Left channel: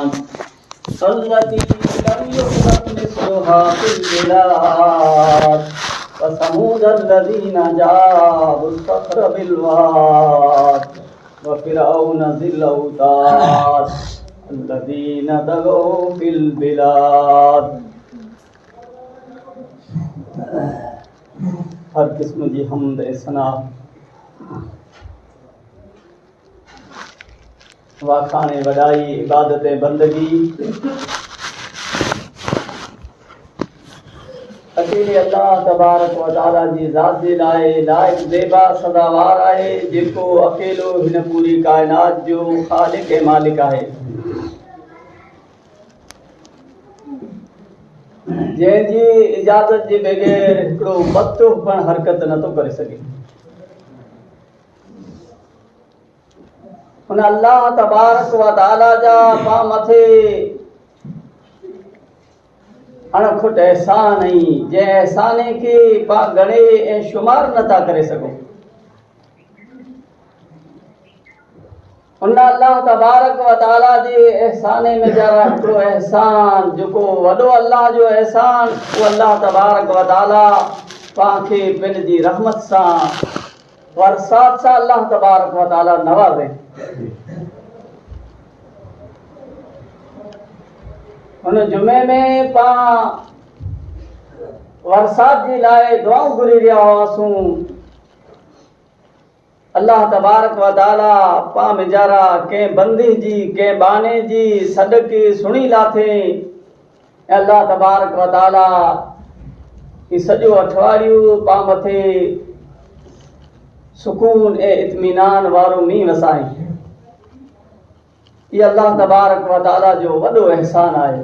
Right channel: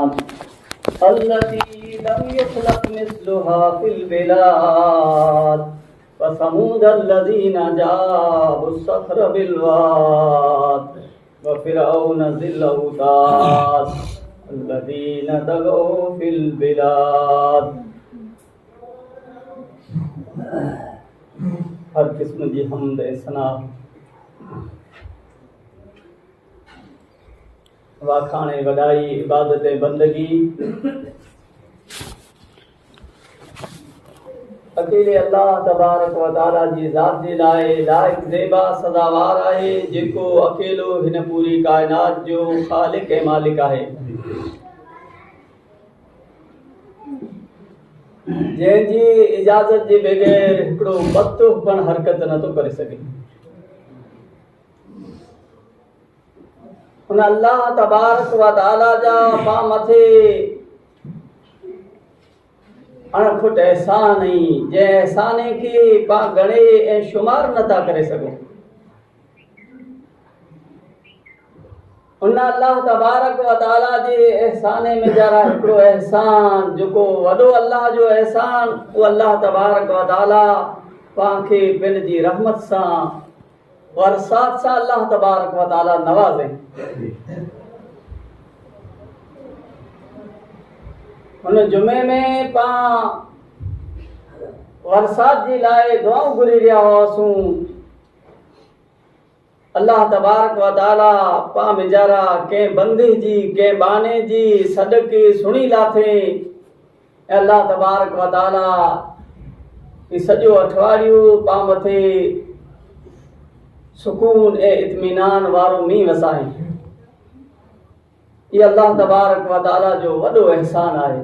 التي لم يخلق مثلها في البلاد وثمود الذين جابوا الصخر بالواد وفرعون ذي الأوتاد الذين طغوا في البلاد. हर किस्म जी हमद सना वाखाने वडाई इबादत बंदगी अकेले अल्लाह तबारक व तआला जी ज़ात जे लाइ लाइक ज़ेबा सदावार आहे जेको अकेलो हिन पूरी कायनात जो ख़ालिक ऐं मालिक आहे, जंहिंजी इजाज़त जे बग़ैर हिकिड़ो पतो पण हरकत नथो करे सघे। हुन अल्लाह तबारक व तआला जा पां मथे अणखुट एहसान आई जंहिं एहसाने खे पां गणे ऐं शुमार नथा करे सघूं। उन अल्लाह तबारक व तआला जे एहसाने में जरा हिकिड़ो एहसान जेको वॾो अल्लाह जो एहसान उहो अल्लाह तबारक व तआला पाण खे पंहिंजी रहमत सां वरसात सां अल्लाह तबारक व तआला नवाज़े। हुन जुमे में पाण वरसात जे लाइ दुआऊं घुरी रहिया हुआसीं। अल्लाह तबारक व तआला पां वेचारा कंहिं बंदे जी कंहिं बाने जी सदके सुणी लाथे ऐं अल्लाह तबारक व तआला ही सॼो अठवाड़ियो पां मथे सुकून ऐं इत्मीनान वारो मींहुं वसाई। ये अल्लाह तबारक व तआला जो वॾो एहसान आहे।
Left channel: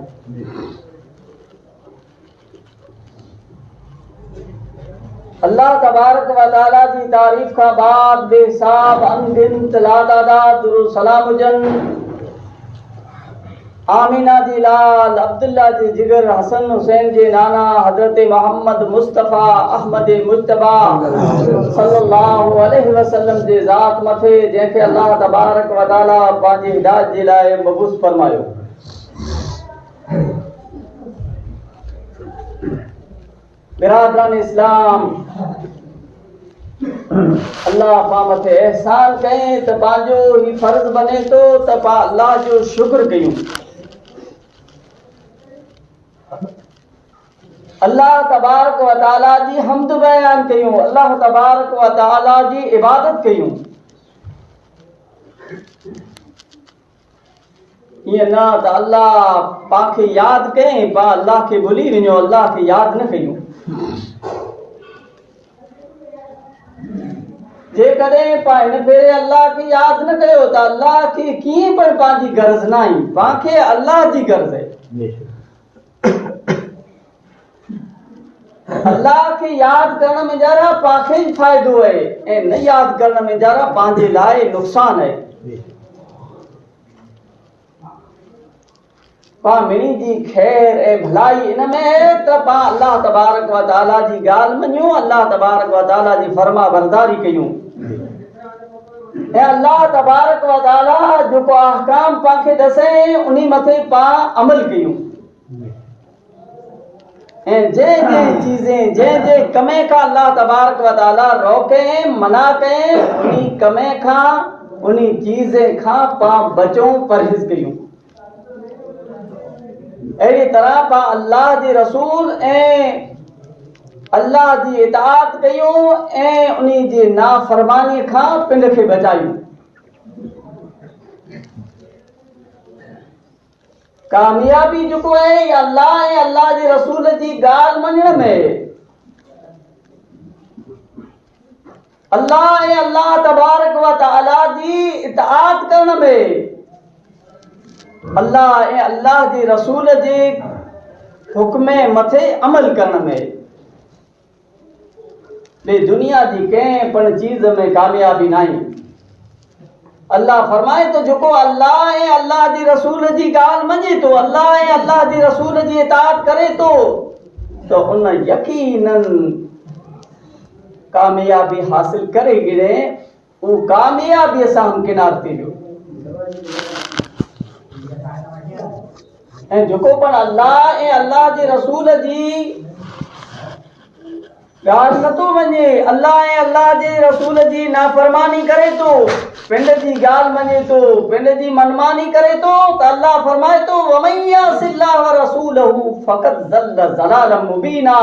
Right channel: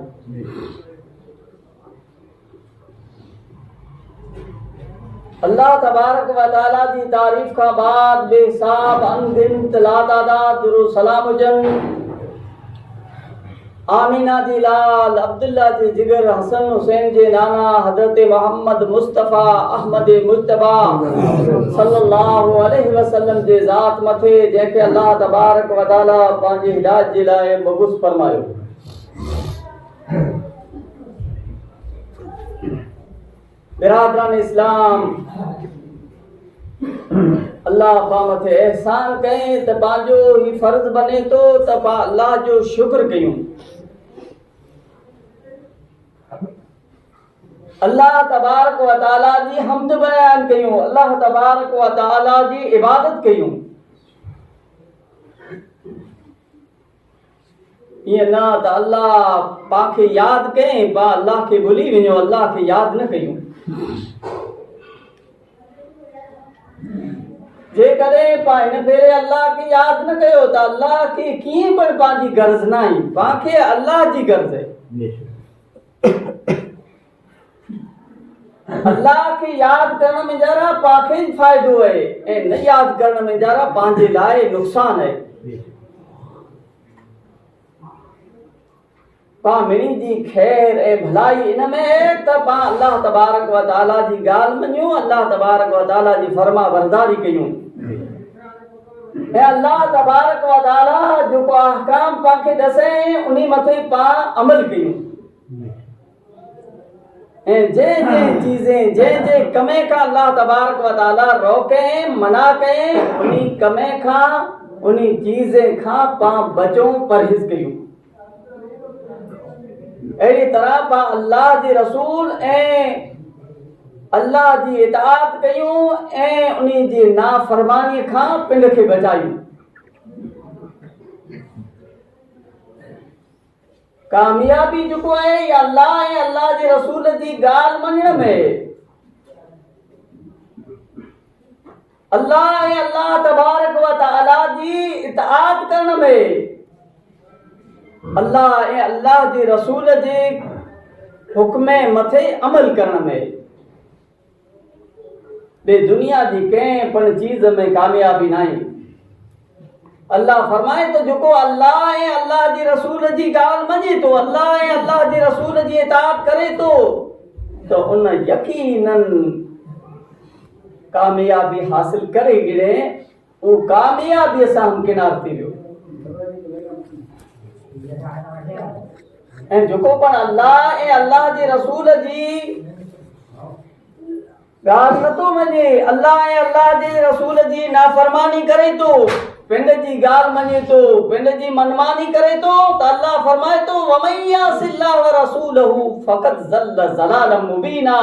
अल्लाह तबारक व तआला जी तारीफ़ खां बाद बेहिसाब अनगिनत लातादाद दुरूद सलाम हुजनि आमीना जी लाल अब्दुल्ला जी जिगर हसन हुसैन जे नाना हज़रत मोहम्मद मुस्तफ़ा अहमद मुज्तबा सल्लल्लाहु अलैहि वसल्लम जे ज़ात मथे जंहिंखे अल्लाह तबारक व तआला पंहिंजी हिदायत जे लाइ मबूस फरमायो। बिरादरान इस्लाम, अल्लाह पां मथे एहसान कई त पंहिंजो ही फर्ज़ बने थो त पां अल्लाह जो शुक्र कयूं। अल्लाह तबारक व तआला जी हम्द बयान कयूं, अल्लाह तबारक व तआला जी इबादत कयूं। ईअं न त अल्लाह पांखे यादि कयईं पां अल्लाह खे भुली वञो, अल्लाह खे यादि न कयूं। जेकॾहिं पां हिन भेरे अल्लाह खे यादि न कयो त अल्लाह खे कीअं पण पंहिंजी गर्ज़ न आई, पांखे अल्लाह जी गर्ज़ आहे। अल्लाह खे यादि करण में जरा पांखे ई फ़ाइदो आहे ऐं न यादि करण में जरा पंहिंजे लाइ नुक़सान आहे। पां मिणी जी ख़ैर ऐं भलाई इन में आहे त पां अल्लाह तबारक व तआला जी ॻाल्हि मञूं, अल्लाह तबारक व तआला जी फर्मा बरदारी कयूं ऐं अल्लाह तबारक व तआला जेको अहकाम पांखे ॾसई उन मथे पां अमल कयूं ऐं जंहिं चीज़ें जंहिं कमे खां अल्लाह तबारक व तआला रोके मना कए उन कमे खां उन चीज़े खां पां बचूं परहेज़ कयूं। अहिड़ी तरह पां अल्लाह जे रसूल ऐं अल्लाह जी इताअत कयूं ऐं उन जी नाफ़रमानी खां पिंड खे बचायूं। कामयाबी जेको आहे अल्लाह ऐं अल्लाह जे रसूल जी ॻाल्हि मञण में, अल्लाह ऐं अल्लाह तबारक व तआला जी इताअत करण में, अल्लाह ऐं अल्लाह जे रसूल जे हुक्म मथे अमल करण में। ॿिए दुनिया जी कंहिं पण चीज़ में कामयाबी नाहे। अल्लाह फरमाए तो जेको अल्लाह ऐं अल्लाह जी रसूल जी ॻाल्हि मञे थो, अल्लाह ऐं अल्लाह जी रसूल जी इताअत करे थो त उन यकीनन कामयाबी हासिल करे गिणे उहो कामयाबीअ सां हमकिनार थी वियो। ऐं जेको पण अल्लाह ऐं अल्लाह जे रसूल जी ॻाल्हि नथो मञे, अल्लाह ऐं अल्लाह जे रसूल जी नाफ़रमानी करे थो, पिंड जी ॻाल्हि मञे थो, पिंड जी मनमानी करे थो, त अल्लाह फरमाए थो वमन यअसिल्लाह व रसूलहू फ़क़द ज़ल्ल ज़लालन मुबीना।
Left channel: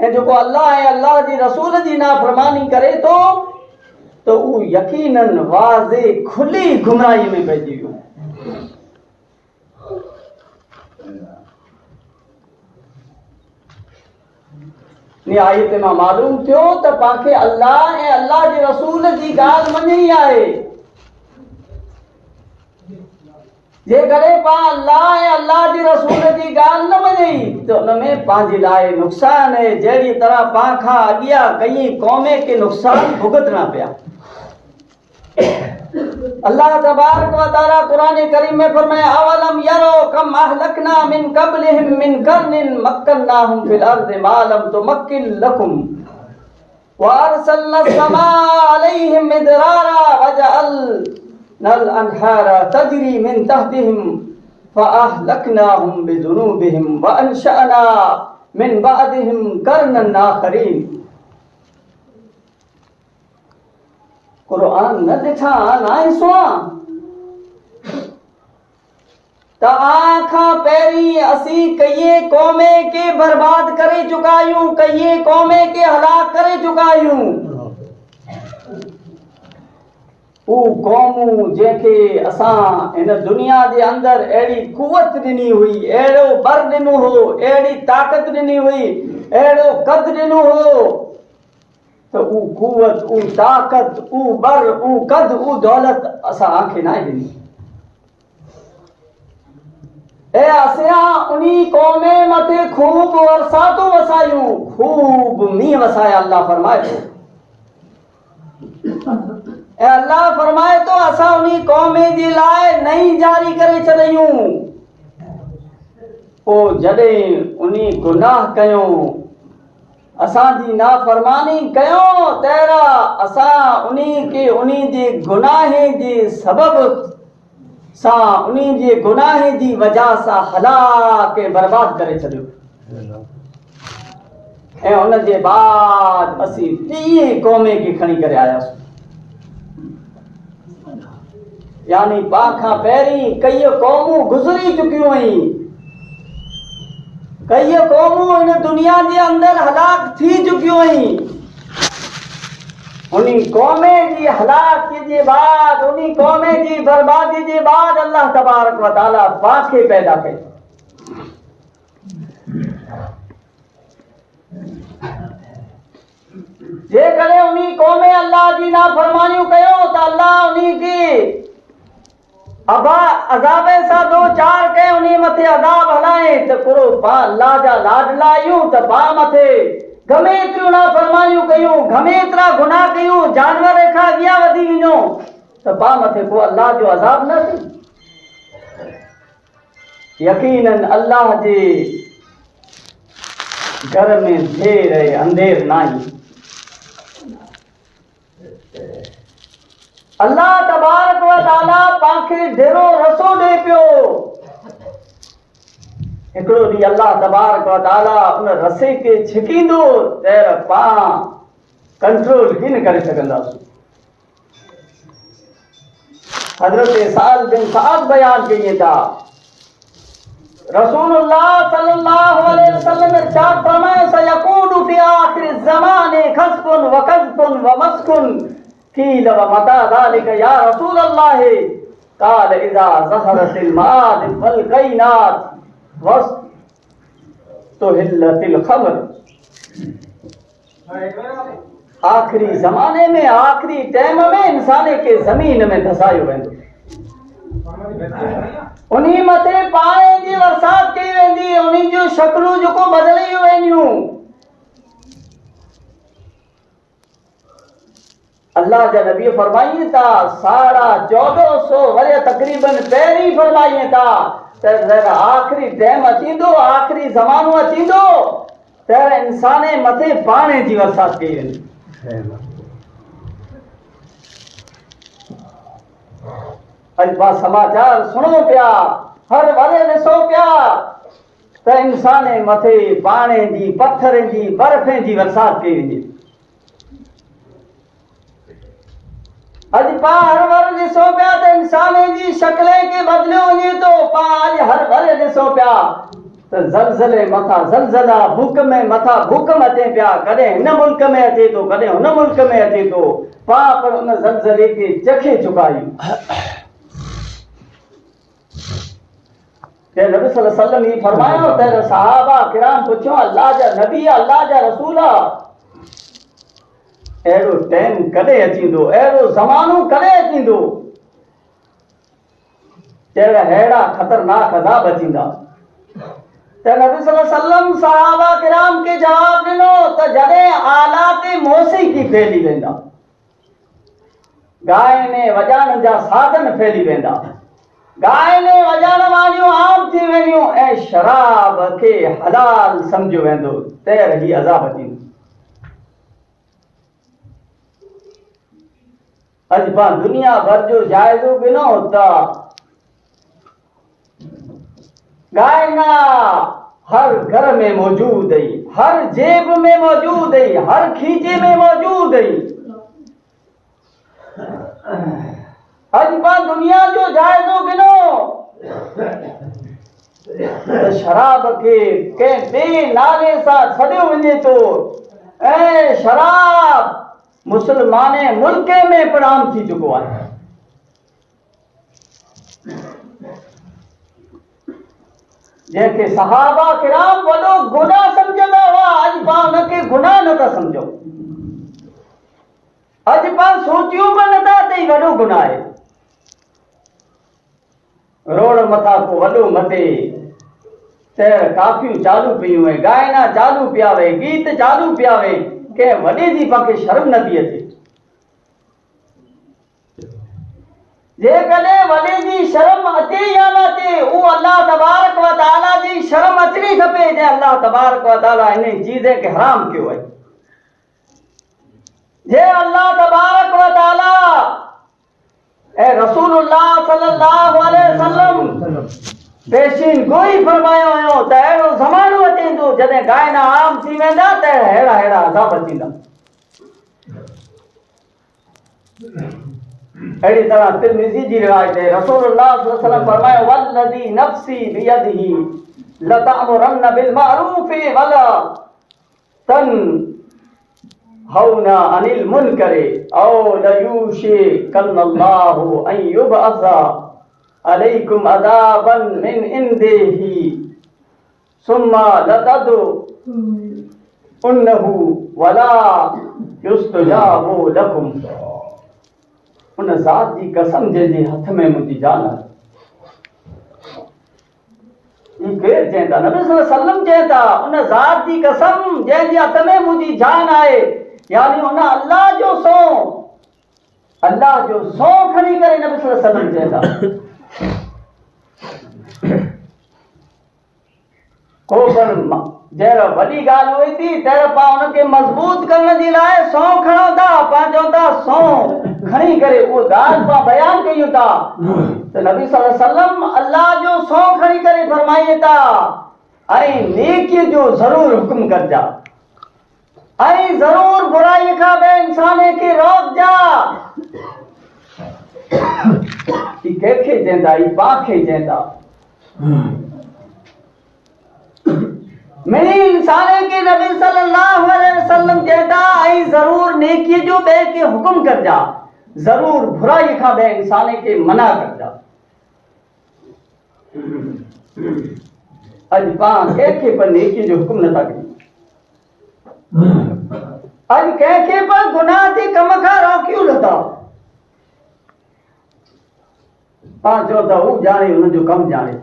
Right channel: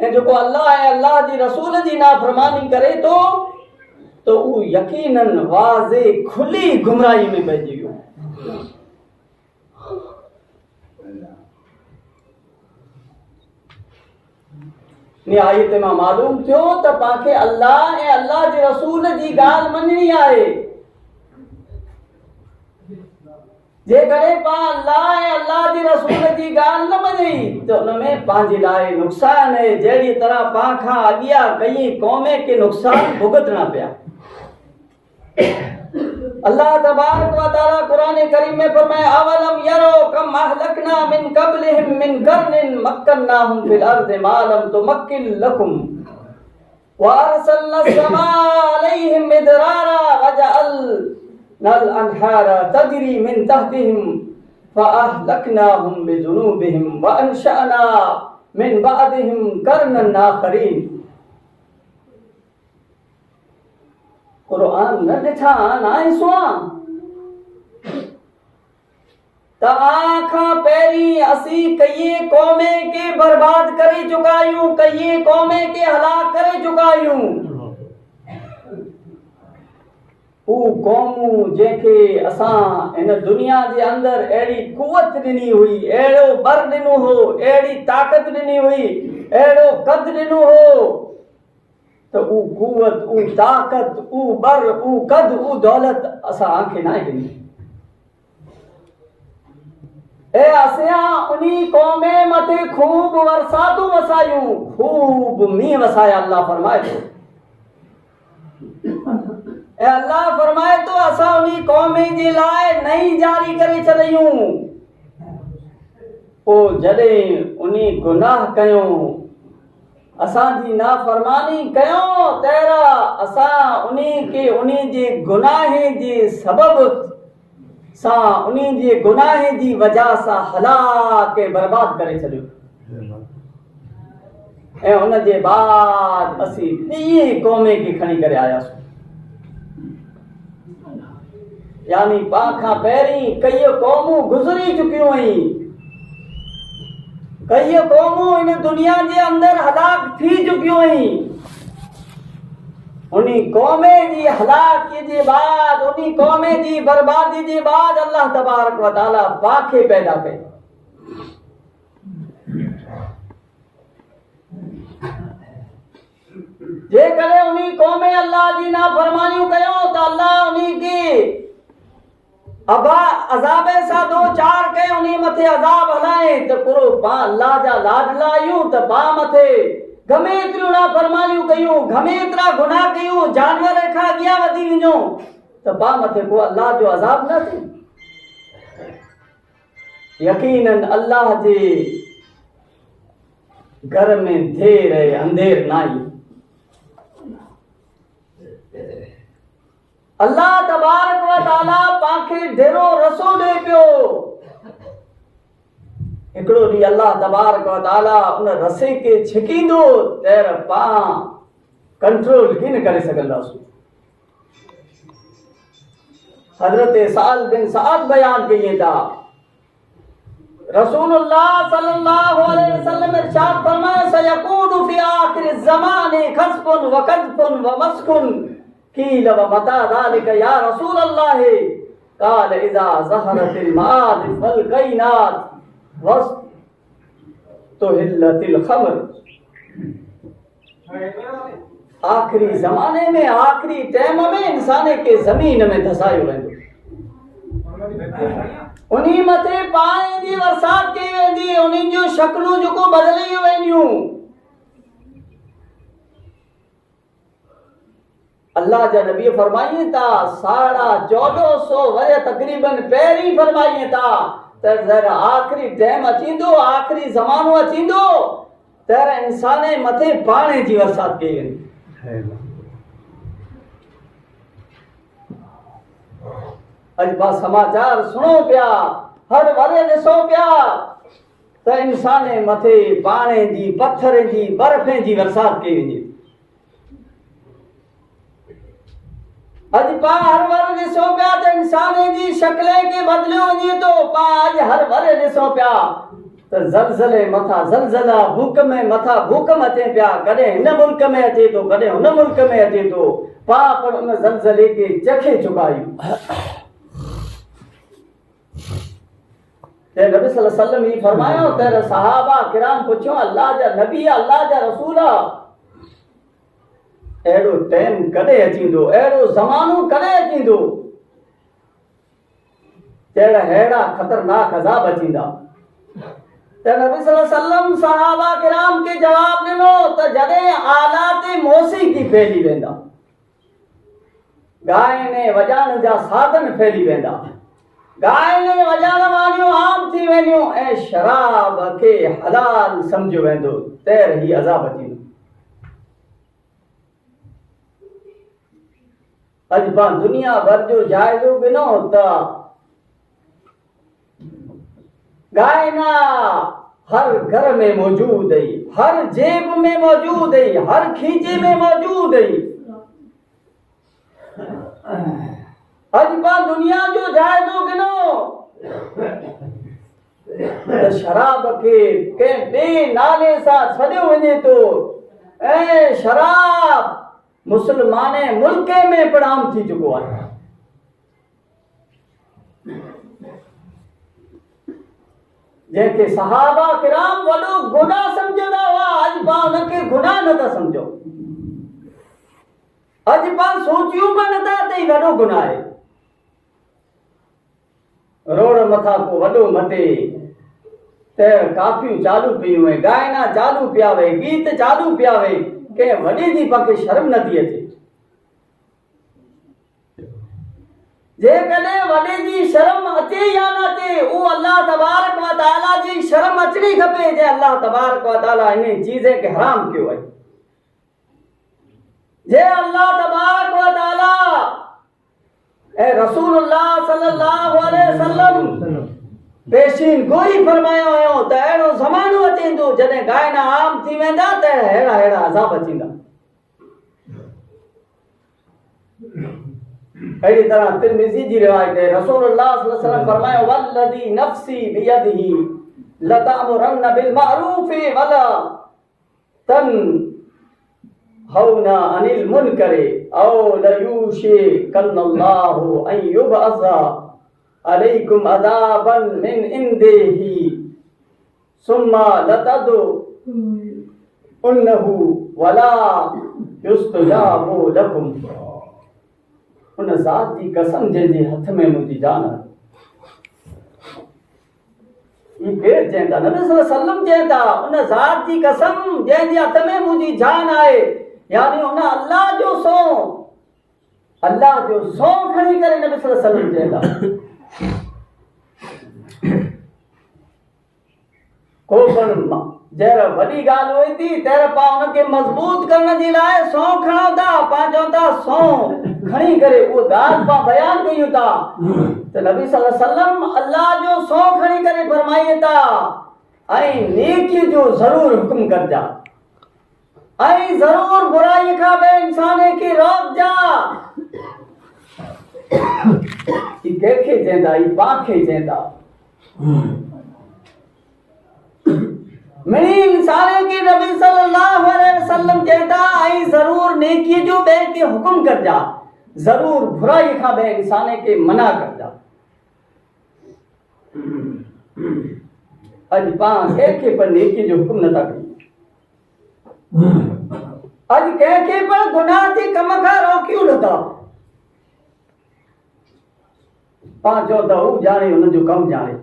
ऐं जेको अल्लाह ऐं अल्लाह जी रसूल जी नाफ़रमानी करे थो त उहो यकीनन वाज़े खुली गुमराही में पइजी वियो। आयत मां मालूम थियो त पांखे अल्लाह ऐं अल्लाह जे रसूल जी ॻाल्हि मञणी आहे। जेकॾहिं पाण अल्लाह ऐं अल्लाह जे रसूल जी ॻाल्हि न मञई त उन में पंहिंजे लाइ नुक़सान आहे। जहिड़ी तरह पाण खां अॻियां कई क़ौमे खे नुक़सान भुगतना पिया। अल्लाह तबारक व तआला कुरान करीम में फरमाया अवलम यरो कम अहलकना मिन क़ब्लिहिम मिन कर्निन मक्कन्नाहुम फिल अर्दि मा लम तुमक्किन लकुम व अरसलना समा अलैहिम मिदरारा वजअलनल अनहारा तजरी मिन तहतिहिम फअहलकनाहुम बिजुनूबिहिम व अंशअना मिन बअदिहिम कर्नन आखरीन। कुरान न ॾिठा न सुआ त आखां पहिरीं असीं कईए क़ौमे खे बर्बाद करे चुका आहियूं, कईए क़ौमे खे हलाक करे चुका आहियूं। उहे क़ौमूं जंहिंखे असां हिन दुनिया जे अंदरि अहिड़ी कुवत ॾिनी हुई, अहिड़ो बर ॾिनो हो, अहिड़ी ताक़त ॾिनी हुई, अहिड़ो कद ॾिनो हो त उहो कुवत, उहो ताक़त, उहो बर, उहो कद, उहो दौलत असां खे न ॾिनी। ऐं असां उन्ही क़ौमे मथे खूब वरसातूं वसायूं, खूब मींहं वसाया। अल्लाह फरमाए थो ऐं अल्लाह फरमाए थो असां उन्ही क़ौमे जे लाइ नई जारी करे छॾियूं। पोइ जॾहिं उन्ही गुनाह कयूं, असांजी नाफ़रमानी कयूं, तहिड़ा असां उन्ही खे उन्ही जे गुनाहे जे सबबु सां, उन्ही जे गुनाहे जी वजह सां हलाक बर्बाद करे छॾियो। ऐं उन जे बाद असीं टीं क़ौमे खे खणी करे आयासीं। यानी पाण खां पहिरीं कई क़ौमूं गुज़री चुकियूं आहिनि, कई क़ौमूं हिन दुनिया जे अंदरि हलाक थी चुकियूं आहिनि। उन्ही क़ौमे जी हलाकी जे बाद, उन्ही क़ौमे जी बर्बादी जे बाद अल्लाह तबारक व तआला पांखे पैदा कयो। जेकॾहिं उन्ही क़ौमे अल्लाह जी नाफ़रमानियूं कयूं त अल्लाह उन्ही खे अज़ाब सां दो चार कयूं, उन्ही मथे अज़ाब हलाए त कुरो पां अल्लाह जा लाडला आहियूं त पां मथे घणे एतिरियूं नाफ़रमानियूं कयूं, घणे एतिरा गुनाह कयूं, जानवर खां अॻियां वधी वञो त पां मथे को अल्लाह जो अज़ाब न थिए। यकीनन अल्लाह जे घर में देर ऐं अंधेर न आई। अल्लाह तबारक व तआला पांखे ढेरो रसो ॾे पियो। हिकिड़ो ॾींहुं अल्लाह तबारक व तआला उन रसे खे छिकींदो त पां कंट्रोल ही न करे सघंदासीं। हज़रत साल बिन साद बयान कइनि था, रसूलुल्लाह सल्लल्लाहु अलैहि वसल्लम इरशाद फरमाए सयकूनु फी आखिर ज़माने खस्फुन व कज़फुन व मस्कुन कील व मता ज़ालिका या रसूलल्लाह क़ाल इज़ा ज़हरतिल माद वल कैनात वस्तुहिल्लतिल खमर। आखिरी ज़माने में, आखिरी टाइम में इंसान के ज़मीन में धसायो वेंदो, उन्ही मथे पाणी जी बरसात कई वेंदी, उन्ही जूं शक्लूं जेको बदिली वेंदियूं। अल्लाह जा नबी फरमाइनि था 1450 वरे तकरीबन पहिरीं फरमाइनि था त जरा आखिरी टाइम अचींदो, आखिरी ज़मानो अचींदो त इंसान मथे पाणी जी बरसात कई वेंदी। अॼु पाण समाचार सुणो पिया हर भरे ॾिसो पिया त इंसान मथे पाणी जी पत्थर जी बर्फ़ जी बरसात कई वञे। अॼु पा हर भरे ॾिसो पिया त इंसान जी शक्लें खे बदिलियो वञे थो। पा अॼु हर भरे ॾिसो पिया त ज़लज़ले मथां ज़लज़ला, भूकंप मथां भूकंप अचे पिया। कॾहिं हिन मुल्क में अचे थो, कॾहिं हुन मुल्क में अचे थो। पा पर उन ज़लज़ले खे चखे चुका आहियूं। नबी सल्लल्लाहु अलैहि वसल्लम ही फरमायो त सहाबा किराम पुछो अल्लाह जा नबी, अल्लाह जा रसूल, अहिड़ो टाइम कॾहिं अचींदो, अहिड़ो ज़मानो कॾहिं अचींदो अहिड़ा ख़तरनाक अज़ाब अचींदा। त नबी सल्लल्लाहु अलैहि वसल्लम सहाबा किराम खे जवाब ॾिनो त जॾहिं आलात मौसीक़ी फैली वेंदा, ॻाइण वॼाइण जा साधन फैली वेंदा, ॻाइण वॼाइण वारियूं आम थी वेंदियूं ऐं शराब खे हलाल सम्झियो वेंदो, त ही अज़ाब अचींदो। अॼु पाण दुनिया भर जो जाइज़ो गिनो त गायना हर घर में मौजूद है, हर जेब में मौजूद है, हर खींचे में मौजूद है। अॼु पाण दुनिया जो जाइज़ो गिनो त शराब खे कंहिं ॿिए नाले सां सॾियो वञे थो ऐं शराब मुस्लमान मुल्क में पिण आम थी चुको आहे। जंहिंखे सहाबा किराम वॾो गुनाह सम्झंदा हुआ, अॼु पाण हुनखे गुनाह नथा सम्झो। अॼु पाण सोचियूं बि नथा त ही वॾो गुनाह आहे। रोड मथां को वॾो मटे त काफियूं चालू पियूं आहिनि, गायना चालू पिया वे, गीत चालू पिया वे, कंहिं वॾे जी पाण खे शर्म नथी अचे। जेकॾहिं वॾे जी शर्म अचे या न अचे, उहो अल्लाह तबारक व तआला जी शर्म अचणी खपे, जंहिं अल्लाह तबारक व तआला इन चीज़ खे हराम कयो आहे। जे अल्लाह तबारक व तआला ऐं रसूलुल्लाह सल्लल्लाहु अलैहि वसल्लम पेशीन गोई फरमायो हुयो त अहिड़ो ज़मानो अचेंदो जॾहिं गायना आम थी वेंदा त अहिड़ा अहिड़ा अज़ाब अचींदा। अहिड़ी तरह तिरमिज़ी जी रिवायत है, रसूलुल्लाह सल्लल्लाहु अलैहि वसल्लम फरमायो वल्लज़ी नफ़्सी बियदिही लतअमुरन्न बिल मारूफ़ वला तनहौना अनिल मुनकर औ लयूशिकन्नल्लाहु अन युबअसा अलैकुम अज़ाबन मिन इंदिही सुम्मा लतदउन्नहु वला युस्तजाबु लकुम। उन ज़ात जी कसम जंहिंजे हथ में मुंहिंजी जान आहे। ही केरु चवनि था? नबी सल्लल्लाहु अलैहि वसल्लम चवनि था उन ज़ात जी कसम जंहिंजे हथ में मुंहिंजी जान आहे, यानी उन अल्लाह जो सौ खणी करे नबी सल्लल्लाहु अलैहि वसल्लम चवनि था। को पण जहिड़ा वॾी ॻाल्हि हुई थी तहिड़ा पाण हुनखे मज़बूत करण जे लाइ सौ खणो था, पाण चऊं था सौ खणी करे उहो ॻाल्हि पाण बयानु कयूं था त नबी सल्लल्लाहु अलैहि वसल्लम अल्लाह जो सौ खणी करे फरमाइनि था ऐं नेकीअ जो ज़रूर हुकुम करिजा ऐं ज़रूर बुराई खां ॿिए इंसान खे रोकजा। ही कंहिंखे चवनि था? ही पाण खे चवनि था। मेरी इंसान के नबी सल्लल्लाहु अलैहि वसल्लम कहता ऐं ज़रूर नेकी जो ॿिए खे हुकुम करिजा, ज़रूर बुराई खां ॿिए इंसान खे मना करिजा। अॼु पाण कंहिंखे पर नेकी जो हुकुम नथा कयूं। अॼु कंहिंखे पर गुनाह जे कम खां रोकियूं नथा। पाण चओ था हू ॼाणे हुनजो कमु ॼाणे,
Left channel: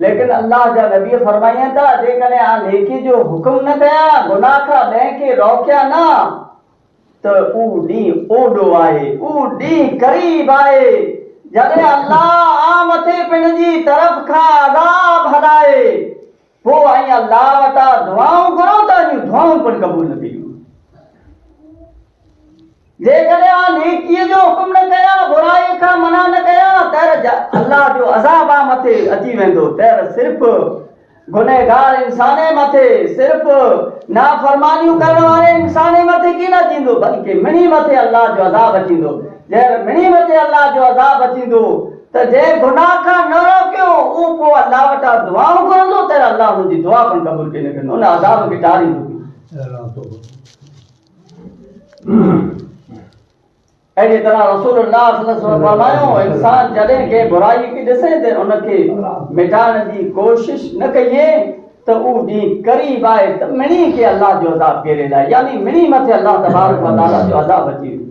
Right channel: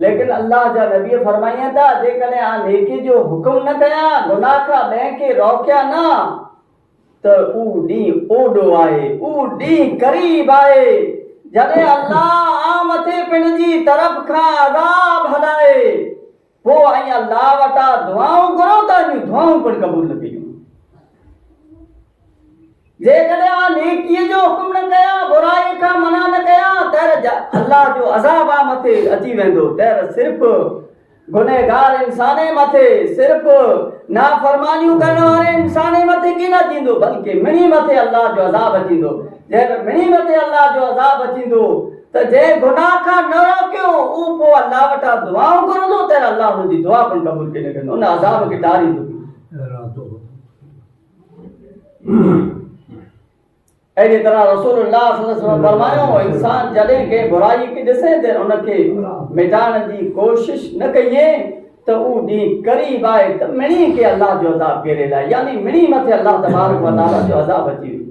लेकिन अल्लाह जा नबी फरमाइनि था जेकॾहिं आ नेकी जो हुकुम न कया, गुनाह खां ॿिए खे रोकिया न त ऊ ॾींहुं ओॾो आहे, ऊ ॾींहुं क़रीब आहे जॾहिं अल्लाह आ मथे पिण जी तरफ़ खां अज़ाब हलाए पोइ ऐं अल्लाह वटां दुआऊं घुरो था, दुआऊं पिण क़बूल न थियूं। जेकॾहिं आ नेकीअ जो हुकुम न कया, बुराई खां मना न कया, त अल्लाह जो अज़ाब आ मथे अची वेंदो। त सिर्फ़ गुनहगार इंसान मथे, सिर्फ नाफरमानियूं करण वारे इंसान मथे की न थींदो, बल्कि मिणी मथे अल्लाह जो अज़ाब अचींदो। जे मिणी मथे अल्लाह जो अज़ाब अचींदो त जे गुनाह खां न रोकियो उ पोइ अल्लाह वटां दुआऊं घुरंदो त अल्लाह हुनजी दुआ पण क़बूल करे कंदो, उन अज़ाब खे टारींदो। अहिड़ी तरह रसूलुल्लाह सल्लल्लाहु अलैहि वसल्लम फरमायो, इंसान जॾहिं के बुराई खे ॾिसे त उनखे मिटाइण जी कोशिश न कजे त उ ॾींहुं करीब आहे त मिणी के अल्लाह जो अज़ाब घेरे लाइ, यानी मिणी मथे अल्लाह तबारक व तआला जो अज़ाब अची वेंदो।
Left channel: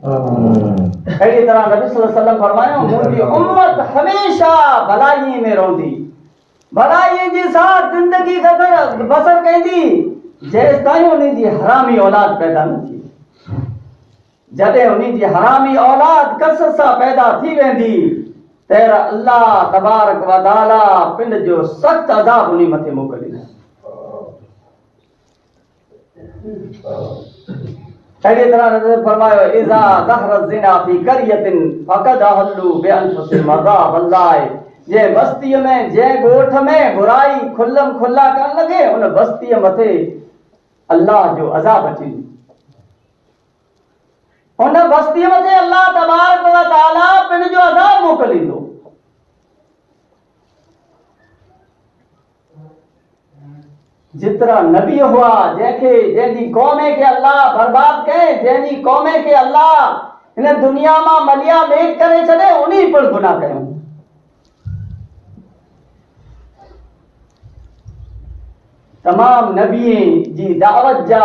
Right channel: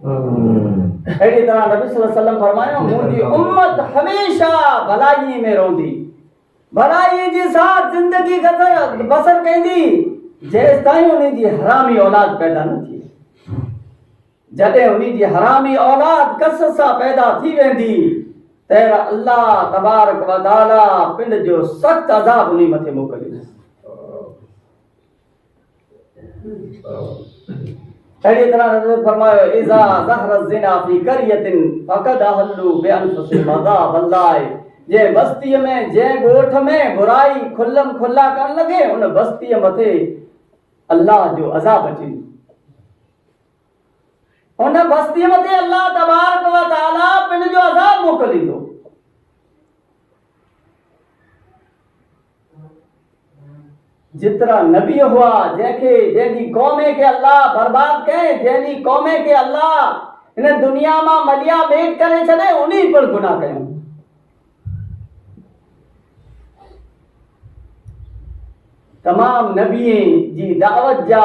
अहिड़ी तरह नबी सल्लल्लाहु अलैहि वसल्लम फरमायो, मुंहिंजी उम्मत हमेशा भलाई में रहंदी, भलाई जी साथ जिंदगी बसर कंदी जेसि ताईं उन जी हरामी औलाद पैदा न थी। जॾहिं उन जी हरामी औलाद कसरत सां पैदा थी वेंदी त अल्लाह तबारक व तआला पिंड जो सख़्त अज़ाब उन मथे मोकिलींदा। अहिड़ी तरह नबी फरमायो, इज़ा ज़हर ज़िना फी क़रियतिन फ़क़द अहल्लू बिअनफुसिहिम अज़ाब अल्लाह। जे बस्तीअ में, जे ॻोठ में बुराई खुल्लम खुल्ला करण लॻे, उन बस्तीअ मथे अल्लाह जो अज़ाब अची, उन बस्तीअ मथे अल्लाह तबारक व तआला पिण जो अज़ाब मोकिलींदो। जितरा नबी हुआ जंहिंजी क़ौम खे अल्लाह बर्बाद कये, जंहिंजी क़ौम खे अल्लाह हिन दुनिया मां मलिया मेट करे छॾे, उन्ही पिण गुनाह कयूं। तमाम नबी जी दावत जा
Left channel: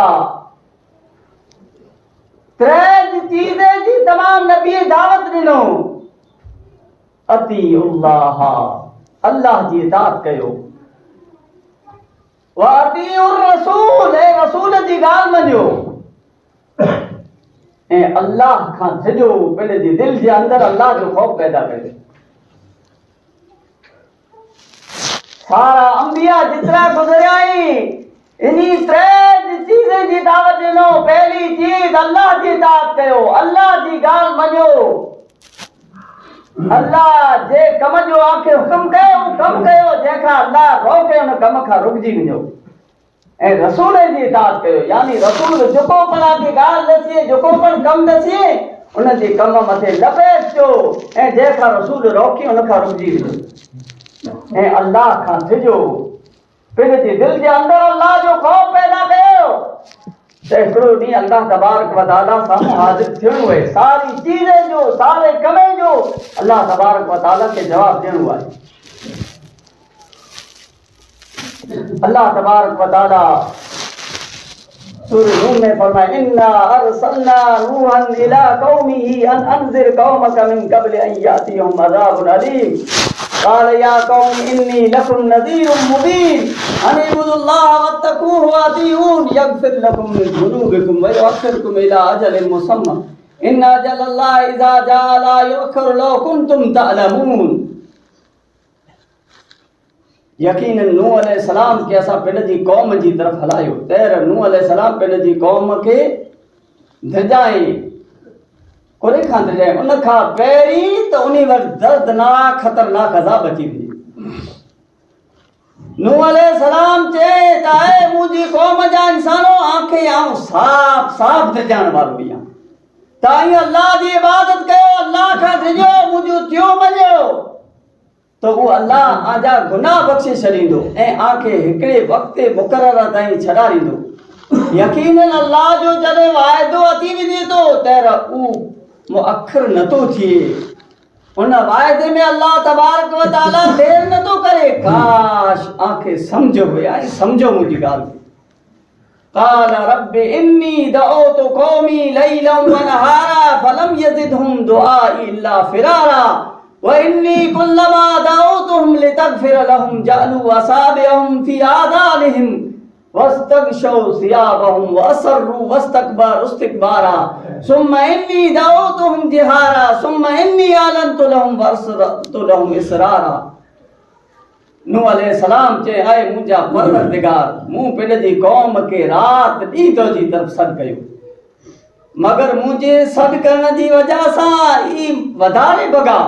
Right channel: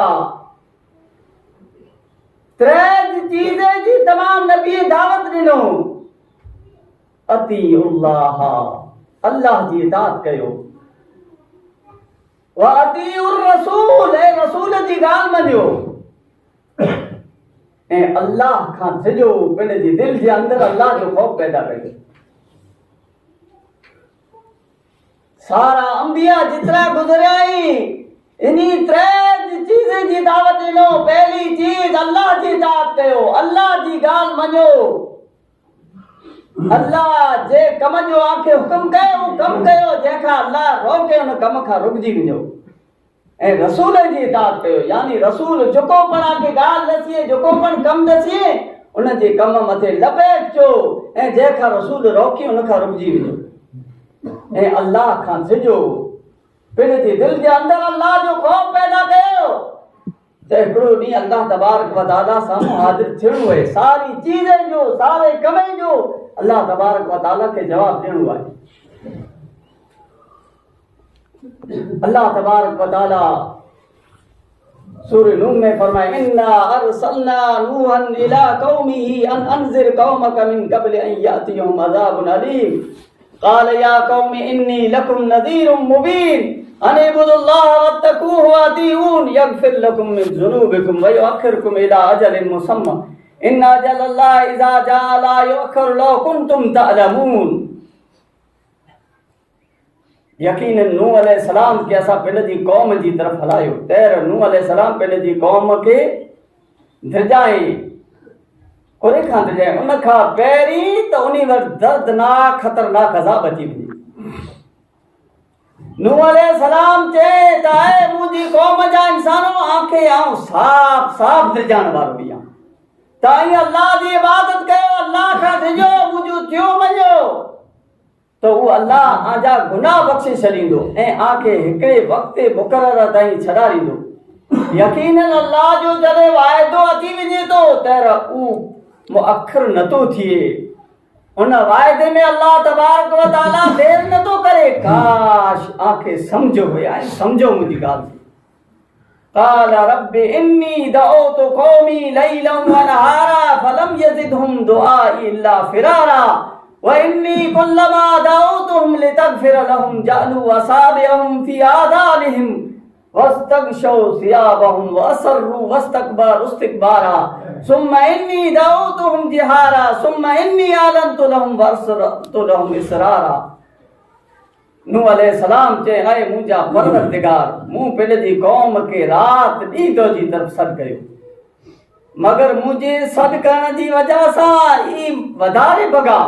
त्रै चीज़ें जी तमाम नबी दावत ॾिनो, अतीउल्लाह अल्लाह जी इताअत कयो, व अतीउर रसूल रसूल जी ॻाल्हि मञो, ऐं अल्लाह खां सिजो, पिण जी दिलि जे अंदरि अल्लाह जो ख़ौफ़ पैदा कयो। सारा अंबिया जितरा गुज़रिया आहिनि इन्ही त्रै चीज़ें जी दावत ॾिनो। पहली चीज अल्लाह जी इताअत कयो, अल्लाह जी ॻाल्हि मञो, अल्लाह जे कम जो आखे हुकुम कयो कम कयो, जंहिंखां अल्लाह रोके उन कम खां रुकजी वञो, ऐं रसूल जी इताअत कयो, यानी रसूल जेको पण आखे ॻाल्हि दसीए, जेको पण कम दसीए, उन जे कम मथे लपेटजो, ऐं जंहिंखां रसूल रोके उन खां रुकजी वञो, ऐं अल्लाह खां सिजो, पिण जे दिलि जे अंदरि अल्लाह जो ख़ौफ़ पैदा कयो। त हिकिड़ो ॾींहुं अल्लाह तबारक व तआला साम्हूं हाज़िर थियणो आहे, सारी चीज़ें जो, सारे कम जो अल्लाह तबारक व तआला खे जवाब ॾियणो आहे। अल्लाह तबारक व तआला सूरह नूह में फरमाया, इन्ना अरसलना नूहन इला कौमिही अन अंज़िर कौमक मिन क़ब्ल अन यातियहुम अज़ाबुन अलीम क़ाल या कौम इन्नी लकुम नज़ीरुम मुबीन अन इब्दुल्लाह वत्तक़ूहु व अतीऊन यग़फिर लकुम मिन ज़ुनूबिकुम व युअख़्खिरुकुम इला अजलिन मुसम्मा इन्ना अजलल्लाहि इज़ा जाअ ला युअख़्खरु लौ कुंतुम तअलमून। यकीनन नूह अलैहिस्सलाम के असां पिण जी क़ौम जी तरफ़ हलायो। तैर नूह अलैहिस्सलाम पिण जी क़ौम खे धिजाई, उन खां धिजाई, उन खां पहिरीं त उन वटि दर्दनाक ख़तरनाक अज़ाब अची वञे। नूह अलैहिस्सलाम चए त ऐ मुंहिंजी क़ौम जा इंसानो, आंखे आऊं साफ़ साफ़ धिजाइण वारो आहियां, तव्हां अल्लाह जी इबादत कयो, अल्लाह खां धिजो, मुंहिंजो थियो मञो तो वो अल्लाह आजा गुनाह बख्शे छॾींदो ऐं आंखे हिकिड़े वक़्त मुक़रर ताईं छॾारींदो। यकीनन अल्लाह जो जॾहिं वाइदो अची वञे थो त उ मुअख़र नथो थिए, उन वाइदे में अल्लाह तबारक व तआला देर नथो करे। काश आंखे सम्झो हुया, सम्झो मुंहिंजी ॻाल्हि। क़ाल रब्बि इन्नी दअउतु क़ौमी लैलन व नहारा फलम यज़िदहुम दुआई इल्ला फ़िरारा व इन्नी कुल्लमा दअउतुहुम लितग़फ़िर लहुम जअलू असाबिअहुम फ़ी आज़ानिहिम वस्तग़शौ सियाबहुम व असर्रू वस्तकबरू इस्तिकबारा सुम्मा इन्नी दअउतुहुम जिहारा सुम्मा इन्नी आलनतु लहुम व असररतु लहुम इसरारा। नूह अलैहिस्सलाम चे आए मुंहिंजा परवरदिगार मूं पंहिंजी क़ौम खे राति ॾींहं तुंहिंजी तरफ़ सॾु कयो मगर मुंहिंजे सॾु करण जी वजह सां ई वधारे भॻा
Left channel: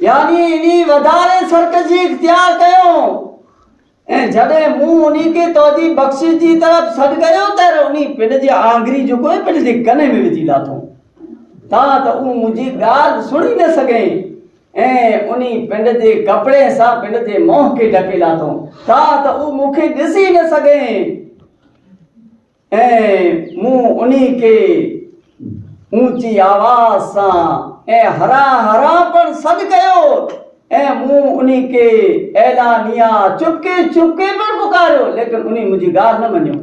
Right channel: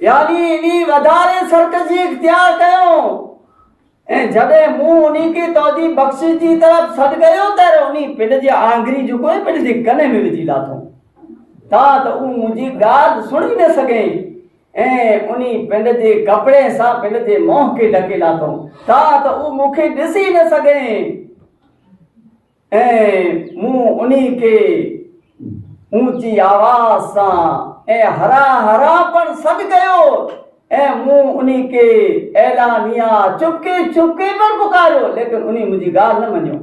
यानी इनी वधारे सरकशी इख्तियार कयो ऐं जॾहिं मूं उन्ही खे तुंहिंजी बख़्शिश जी तरफ़ सॾु कयो त उन्ही पंहिंजी आंगुरी जेको आहे पंहिंजे कन में विझी लाथो तां त उहो मुंहिंजी ॻाल्हि सुणी न सघे ऐं उन्ही पंहिंजे कपिड़े सां पंहिंजे मुंहं खे ढके लाथो तां त उहो मूंखे ॾिसी न सघे ऐं मूं उन्ही खे ऊंची आवाज़ सां ऐं हरा हरा पण सॾु कयो ऐं मूं उन्ही खे ऐलानिया चुपके चुपके पर पुकारियो लेकिन उन्ही मुंहिंजी ॻाल्हि न मञियो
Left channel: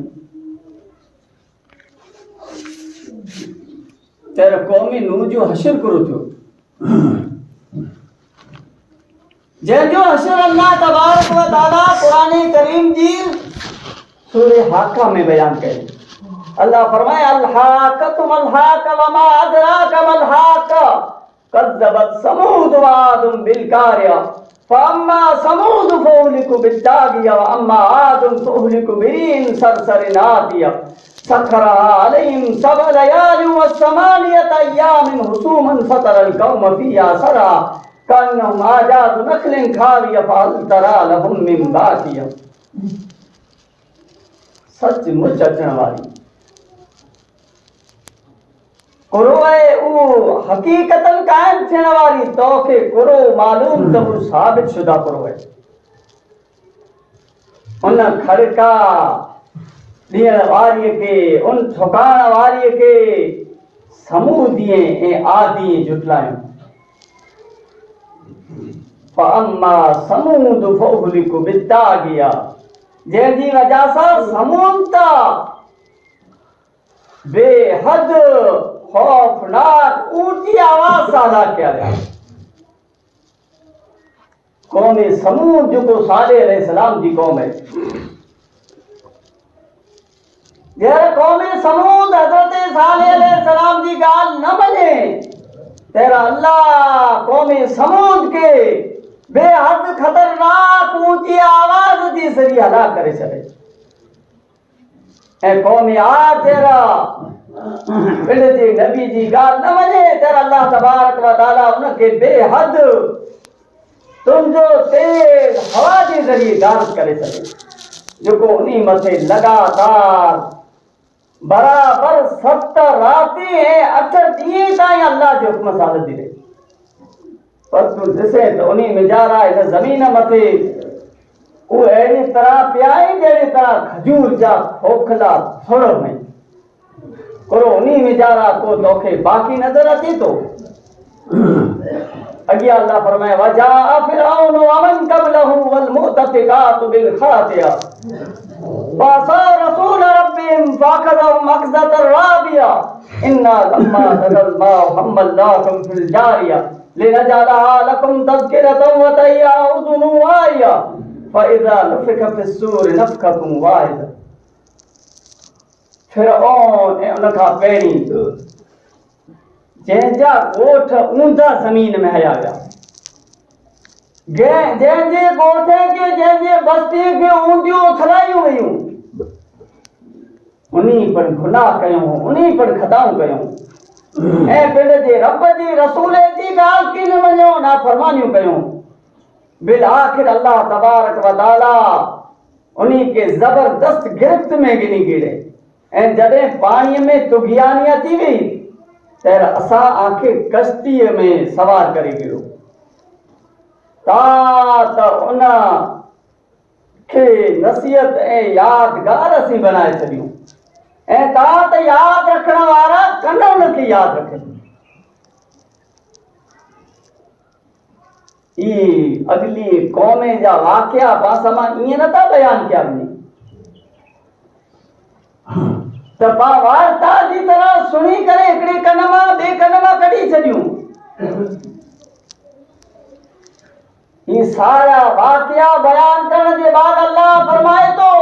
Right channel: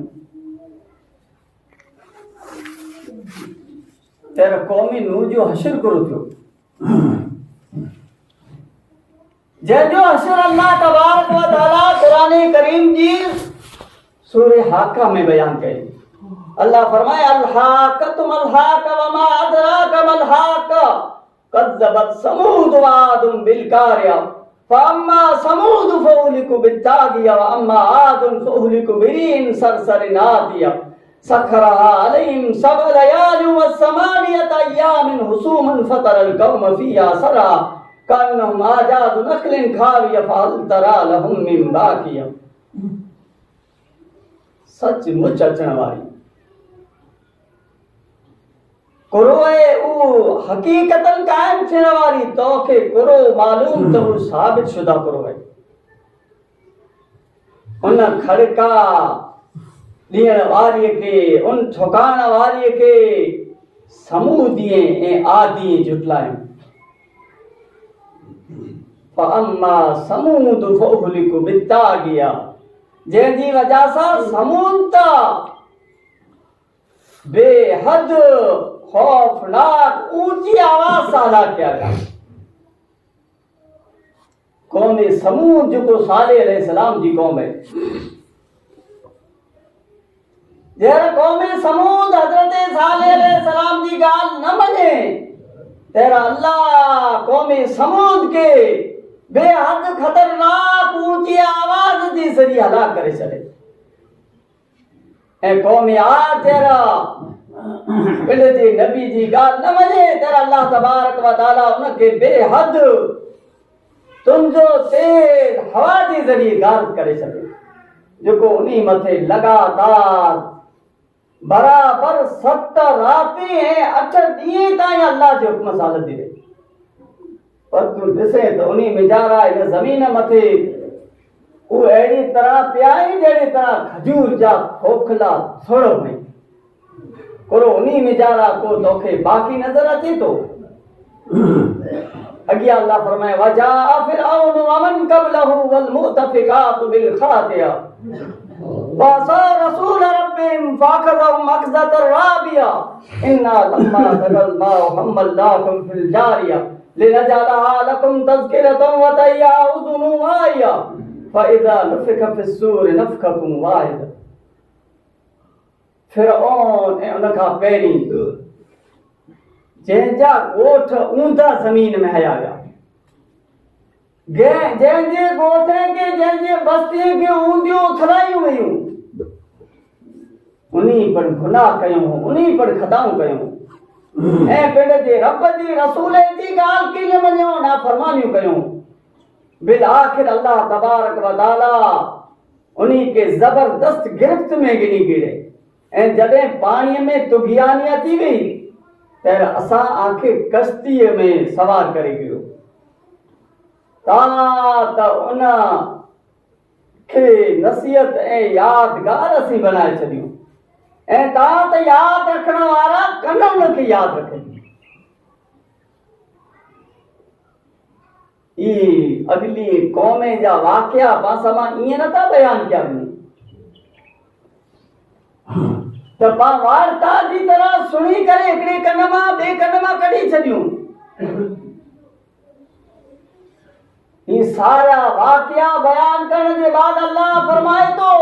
तेरे क़ौमी नूह जो हशर करो थियो जंहिंजो हशर अल्लाह तबारक व तआला क़ुरान करीम जी सूरह हाका में बयान कई अल्लाह फरमाए अल-हाक़तु मल-हाक़ व मा अदराक मल-हाक़ कज़्ज़बत समूद व आदुम बिल-क़ारिया फअम्मा समूद फअहलिकु बित-ताग़िया व अम्मा आदुम फअहलिकु बिरीन सरसरिन आतिया सखरहा अलैहिम सबअ लयालिन व समानियत अय्यामिन हुसूमन फतरल कौम फ़ीहा सरा कअन्नहुम आजाज़ु नख़लिन ख़ाविया फहल तरा लहुम मिन बाक़िया सचमुच अचण वारी कुरो है वो हकीकतन कायम थियण वारी तोखे कुरो मालूम तो वो साबित शुदा कुरो है उन खड़का ॾियण वारीअ खे उन ठुकाइण वारीअ खे समूदीअ ऐं आदीअ जुटलायूं फअम्मा समूद फअहलिकु बित-ताग़िया जंहिंजी वजह सां समूद था बेहद खौफनाक ऊंची आवाज सां अदा किया गया कौम समूद जेको सालेह अलैहिस्सलाम जी कौम है जहिड़ा कौम समूद हज़रत सालेह अलैहिस्सलाम जी ॻाल्हि न मञे तहिड़ा अल्लाह कौम समूद खे बेहद ख़तरनाक ऊंची आवाज़ जी ज़रिए हलाक करे छॾे ऐं कौम आद जहिड़ा पंहिंजे नबी जी ॻाल्हि न मञे तहिड़ा अल्लाह तबारक व तआला उनखे बेहद तुंहिंजो तेज़ हवा जे ज़रिए गारिब करे छॾे जेको उन्ही मथे लगातार बराबर 7 राती ऐं 8 ॾींहं ताईं अल्लाह जे हुक्म सां हलंदी रहे पर तूं ॾिसे त उन्ही मिजारा हिन ज़मीन मथे वो अहिड़ी तरह पियाई जहिड़ी तरह खजूर जा खोखला थोड़ में कुरो उन्ही मिजारा को तोखे बाक़ी नज़र अचे तो अॻियां अल्लाह फरमाए वजाअ फिरऔन व मन क़बलहु वल मुतफ़िक़ातु बिल ख़ातिया वसा रसूल रब्बिहिम फ़अख़ज़हुम अख़ज़तन राबिया इन्ना लम्मा तग़ल माउ हम्मलनाकुम फिल जारिया लिनजअलहा लकुम तज़किरतन व तय्या उज़ुनु वाइया फ़इज़ा नुफ़िख़ फ़िस्सूर नफ़ख़तुन वाहिदा फिरऔन ऐं उन खां पहिरीं जंहिंजा ॻोठ ऊंधा ज़मीन में हया विया जंहिंजे ॻोठे खे जंहिंजे बस्तीअ खे ऊंधियूं उथलायूं वयूं उन्ही पर गुनाह कयूं उन्ही पर ख़ताऊं कयूं ऐं पंहिंजे रब जी रसूल जी ॻाल्हि खे न मञियो नाफ़रमानियूं कयूं बिल आख़िर अल्लाह तबारक व तआला उन्ही खे ज़बरदस्त गिरफ़्त में गिनी गिरे ऐं जॾहिं पाणीअ में तुग़यानी अची वई त असां आंखे कश्तीअ में सवार करे गिरो त उन खे नसीहत ऐं यादगार असीं बनाए छॾियूं ऐं तव्हां त यादि रखण वारा कन उनखे यादि रखनि ई अगली क़ौम जा वाक़िया पासा मां ईअं नथा बयान कया वञनि त पाण वार्ता जी तरह सुणी करे हिकिड़े कन मां ॿिए कन मां कढी छॾियूं ही सारा वाक़िया बयान करण जे बाद अल्लाह फरमाए थो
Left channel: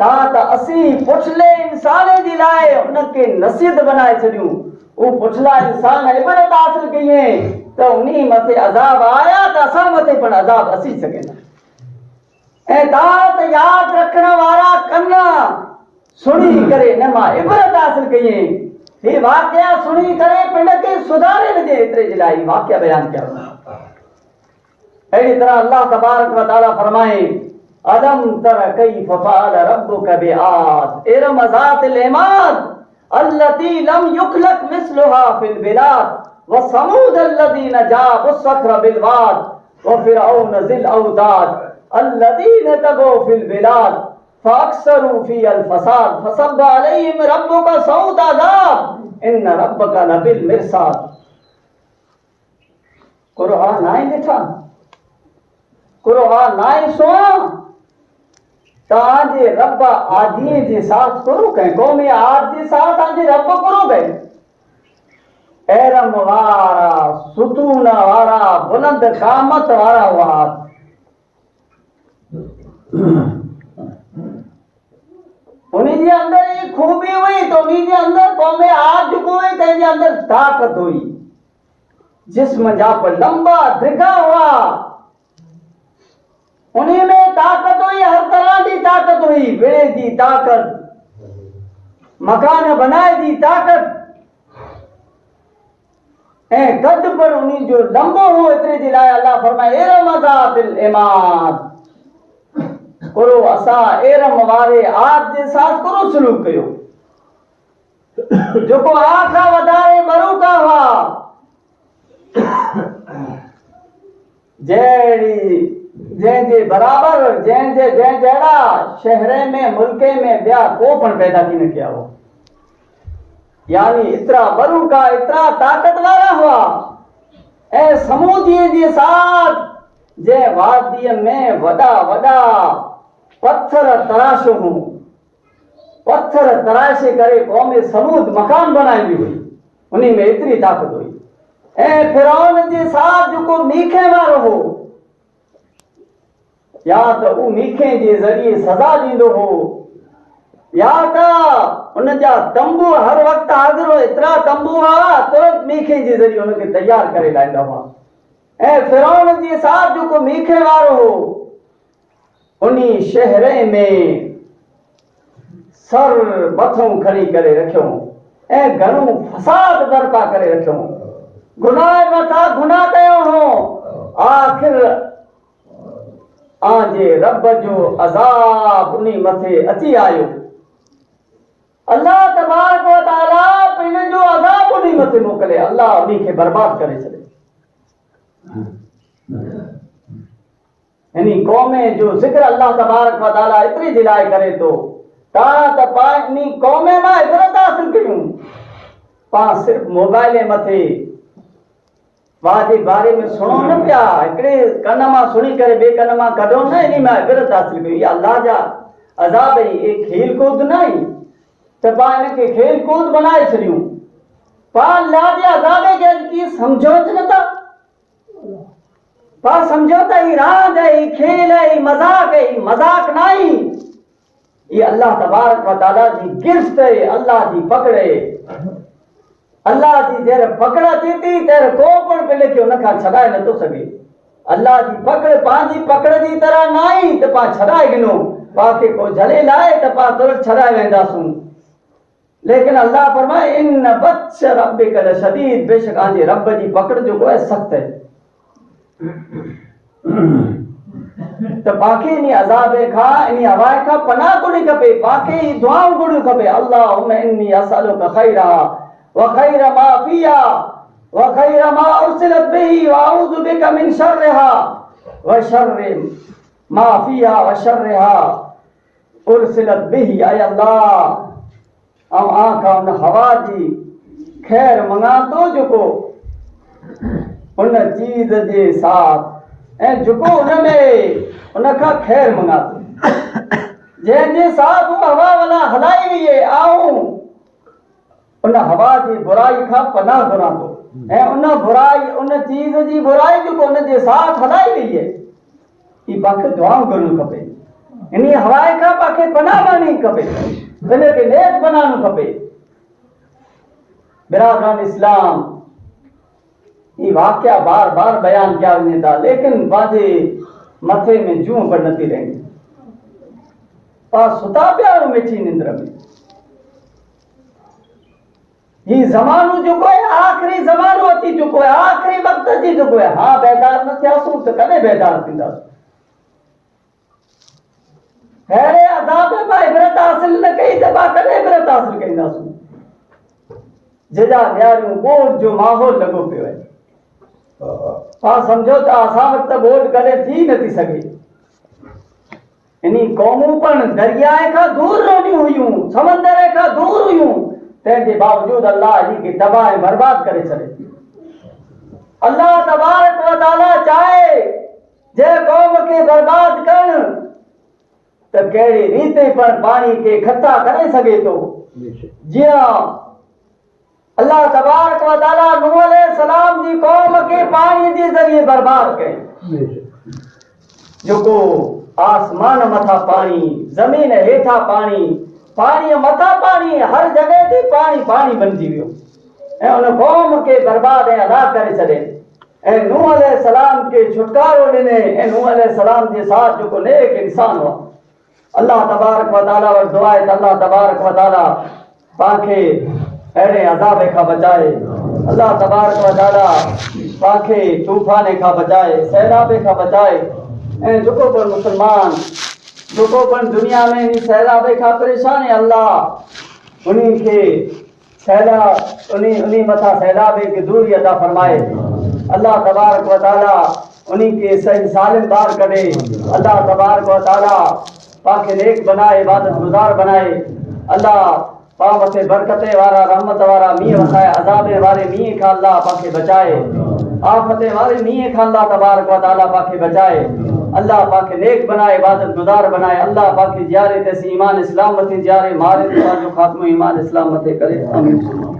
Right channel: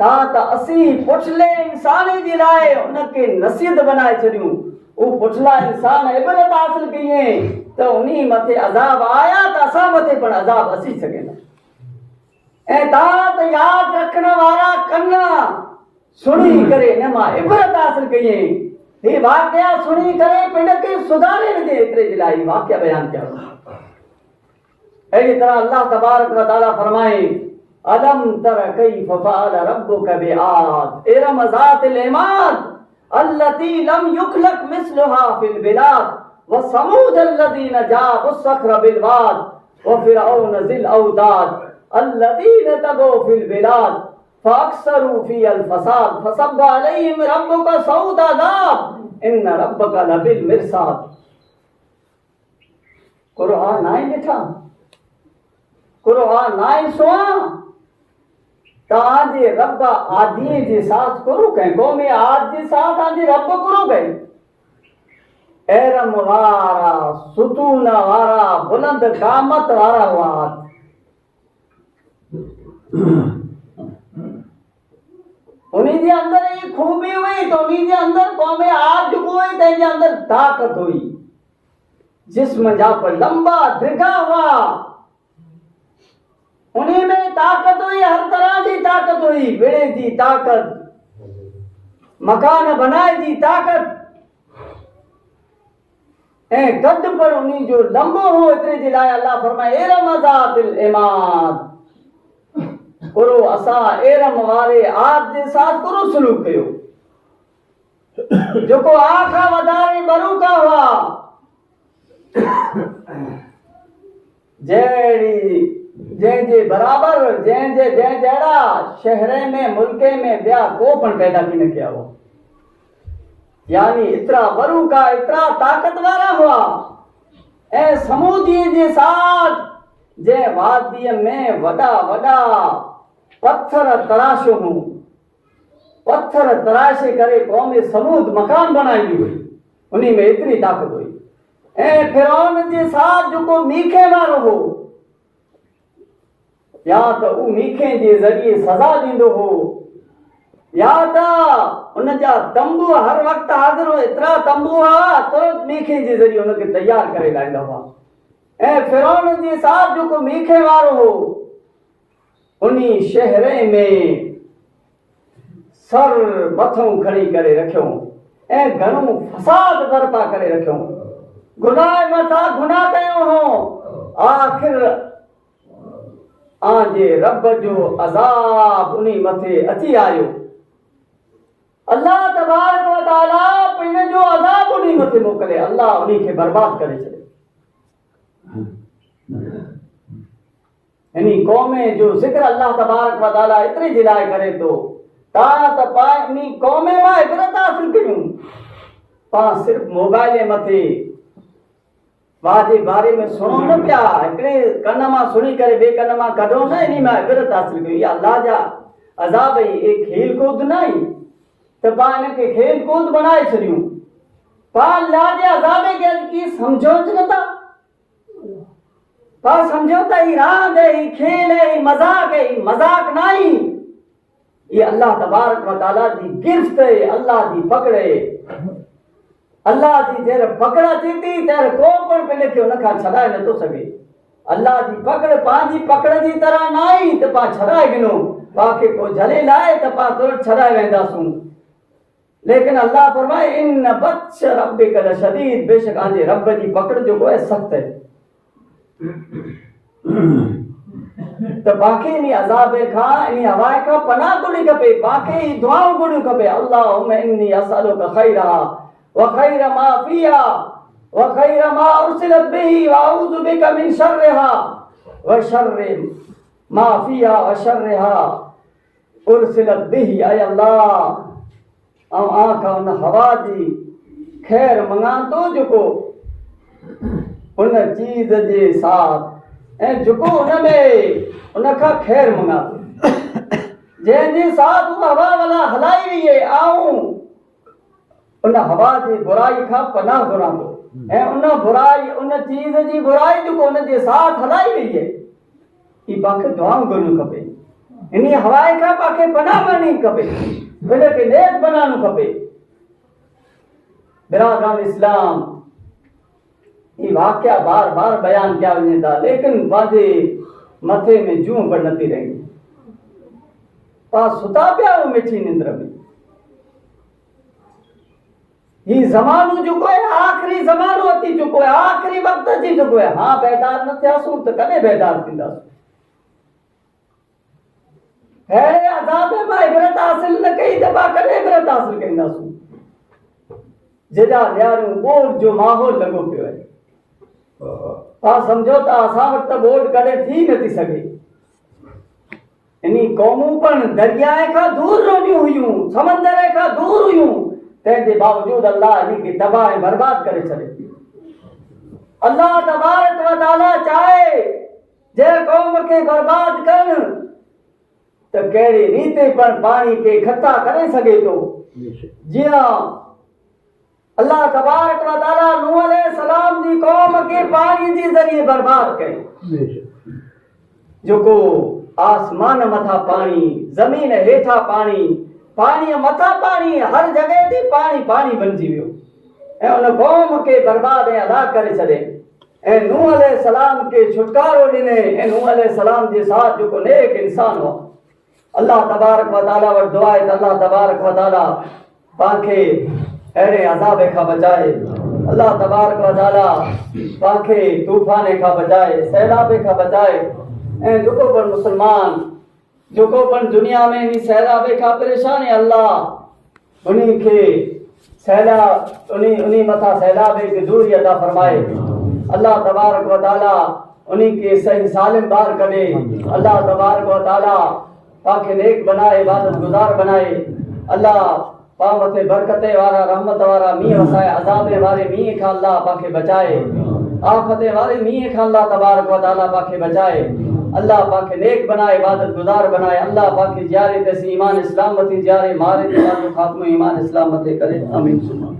तव्हां त असीं पुछले इंसान जे लाइ उनखे नसीहत बनाए छॾियूं वो पुछला इंसान इबरत हासिल कई त उन्ही मथे अज़ाब आया त असां मथे पण अज़ाब अची सघे तात याद रखने वाला कन्ना सुनी करे न मां इबरत हासिल कई ये वाक्य सुनी करे पिंड के सुधारे वजे इतरे जिलाई वाक्य बयान किया अहिड़ी तरह अल्लाह तबारक व तआला फरमाए अलम तर कैफ फअल रब्बुक बिआद इरम ज़ातिल इमाद अल्लती लम युखलक मिस्लुहा फिल बिलाद व समूद अल्लज़ीना जाबु सख्र बिल वाद व फिरऔन ज़िल औताद अल्लज़ीना तगौ फिल बिलाद फअक्सरू फ़ीहल फ़साद फसब्ब अलैहिम रब्बुका सऊत अज़ाब इन्न रब्बका लबिल मिरसाद। कुरान नाई लिखा कुरान नाई सुआ ताजे रब आदि जे साथ करो कहीं कौमे आज जे साथ आजे रब करो गए एरम वारा सुतून वारा बुलंद कामत वारा वात उन्हीं जे अंदर एक खूबी हुई तो उन्हीं जे अंदर कौमे आज हुई तेजे अंदर ताकत हुई जिस्म जा पर लंबा दृढ़ हुआ उन्हीं में ताकत हुई हर तरह की ताकत हुई बेड़े की ताकत मकान बनाए की ताकत ए कद पर उन्हीं जो लंबो हो इतने जिलाए अल्लाह फरमाए एरम ज़ातिल इमाद करो असा एरम वारे आप जे साथ करो सलूक कयो जो को आखा वधारे बरू का हुआ जेड़ी जंहिंजे बराबर जंहिंजे जहिड़ा शहरे में मुल्के में ॿिया को पण पैदा थी न किया हो यानी इतरा बरू का इतरा ताकत वारा हुआ ऐं समूदी जे साथ जे वादीअ में वॾा वॾा पत्थर तराश हूं पत्थर तराशे करे क़ौम समूद मकान बनाई हुई उन्हीं में इतनी ताकत हुई ऐं फिरौन जे साथ जेको मीखे वारो हो या तो उ मीखे जे ज़रिए सज़ा दींदो हो या तो उन जा तंबू हर वक्त हाज़िर हो इतरा तंबू हुआ तुरंत मीखे जे ज़रिए उनके तैयार करे लाईंदा हुआ ऐं फिरौन जे साथ जेको मीखे वारो हो उन्हीं शहरे में सर मथों खड़ी करे रखियो ऐं घणो फसाद बर्पा करे रखियो गुनाह मथा गुनाह कयो हो आखिर आजे रब जो अज़ाब उन्हीं मथे अची आयो अल्लाह तबारक व तआला पिन जो अज़ाब उन्हीं मथे मोकले अल्लाह उन्हीं के बर्बाद करे छॾे यानी कौमे जो जिक्र अल्लाह तबारक व तआला इतनी जिलाए करे तो ता त पानी कौमे में इबरत हासिल कयूं पा सिर्फ मोबाइल मथे वाजे बारे में सुनो न पिया एकड़े कन मां सुनी करे बे कन मां कढो न इनी मां इबरत हासिल कई या अल्लाह जा अज़ाब ही एक खेल कूद नहीं तो पा इनके खेल कूद बनाए छड़ियूं पा अल्लाह जे अज़ाब के की समझो न था पा समझो त ही रांद है ही खेल है ही मजाक नहीं ये अल्लाह तबारक व तआला जी गिरफ्त है अल्लाह जी पकड़े अल्लाह जी जेर पकड़ा थी तेर को पण पहले के उनका छड़ाए न तो सके अल्लाह जी पकड़ पांजी पकड़ जी तरह नहीं तो पा छड़ाए गिनो पाके को झले लाए तो पा तुरंत छड़ाए वेंदासूं लेकिन अल्लाह फरमाए इन बत्श रब्बिक लशदीद बेशक आजे रब जी पकड़ जो को सख्त है तो पाके नी अज़ाब खा नी हवाए खा पनाह गुणी खपे पाके ही दुआऊं गुणी खपे अल्लाहुम्मा इन्नी असअलुका खैरा व खैर मा फिया व खैर मा उरसिलत बिही व अऊज़ु बिका मिन शर्रिहा व शर्रि मा फिया व शर्रिहा उरसिलत बिही अय अल्लाह ऐं आखा उन हवा जी खैर मंगा तो जेको उन चीज जे साथ ऐं जेको उन में उनखां खैर मंगा तो जंहिंजे साथ उहा हवा वाला हलाई हुई है आऊं उन हवा जी बुराई खां पनाह घुरां थो ऐं उन बुराई उन चीज जी बुराई जेको उन जे साथ हलाई हुई है ई पाखे दुआऊं करणु खपे इन हवाए खां पाखे पनाह करणी खपे भले के नेक बनानो खपे बिरादरान इस्लाम ये वाक्या बार बार बयान किया वञे था लेकिन बाजे मथे में जूं पर नथी रही पा सुता पिया मिठी निंद्र में। ही ज़मानो जेको है आखिरी ज़मानो अची चुको है, आखिरी वक्त अची चुको है। हाँ बेदार न थियासूं त कॾहिं बेदार थींदासूं? अहिड़े अज़ाब मां इबरत हासिल न कई त पाण कॾहिं इबरत हासिल कंदासूं? जेॾा ॾियारियूं ॿोॾ जो माहौल लॻो पियो आहे। पाण सम्झो त असां वटि त ॿोॾ कॾहिं थी नथी सघे। इन क़ौमूं पण दरियाए खां दूर रहंदियूं हुयूं, समंदर खां दूर हुयूं, तंहिंजे बावजूदि अल्लाह इनखे तबाह ऐं बर्बाद करे छॾे। अल्लाह तबारक व तआला चाहे जे क़ौम खे बर्बाद कनि त कहिड़ी रीति पण पाणी खे इकट्ठा करे सघे थो। जीअं अल्लाह तबारक व तआला नूह अलैहिस्सलाम जी क़ौम खे पाणी जे ज़रिए बर्बाद कई। जेको आसमान मथा पाणी, ज़मीन हेठा पाणी, पाणी मथा पाणी, हर जगह ते पाणी पाणी बणिजी वियो ऐं उन क़ौम खे बर्बाद ऐं हलाक करे छॾे। ऐं नूह अलैहिस्सलाम खे छुटकारो ॾिने ऐं नूह अलैहिस्सलाम जे साथ जेको नेक इंसान हुआ। अल्लाह तबारक व तआला वटि दुआ आहे त अल्लाह तबारक व तआला पाण खे अहिड़े अज़ाब खां बचाए। अल्लाह तबारक व तआला पाण खे तूफ़ान खां बचाए, सैलाब खां बचाए। ऐं जेको पण मुस्लमान, जेको पण दुनिया में इन सैलाब खां परेशान है, अल्लाह उन्हीं खे सैलाब उन्हीं मथा सैलाब खे दूरी अता फरमाए। अल्लाह तबारक व तआला उन्हीं के सही सालिम बार कढे। अल्लाह तबारक व तआला पाण खे नेक बनाए, इबादत गुज़ार बनाए। अल्लाह पाण मथे बरकत वारा, रहमत वारा मींहं वसाए। अज़ाब वारे मींहं खां अल्लाह पाण खे बचाए। आफ़त वारे मींहं खां अल्लाह तबारक व तआला पाण खे बचाए। अल्लाह पाण खे नेक बनाए, इबादत गुज़ार बनाए। अल्लाह पाण खे जियारे तेसी ईमान इस्लाम मथे जियारे, मारे जो ख़ात्मो ईमान इस्लाम मथे करे। आमीन।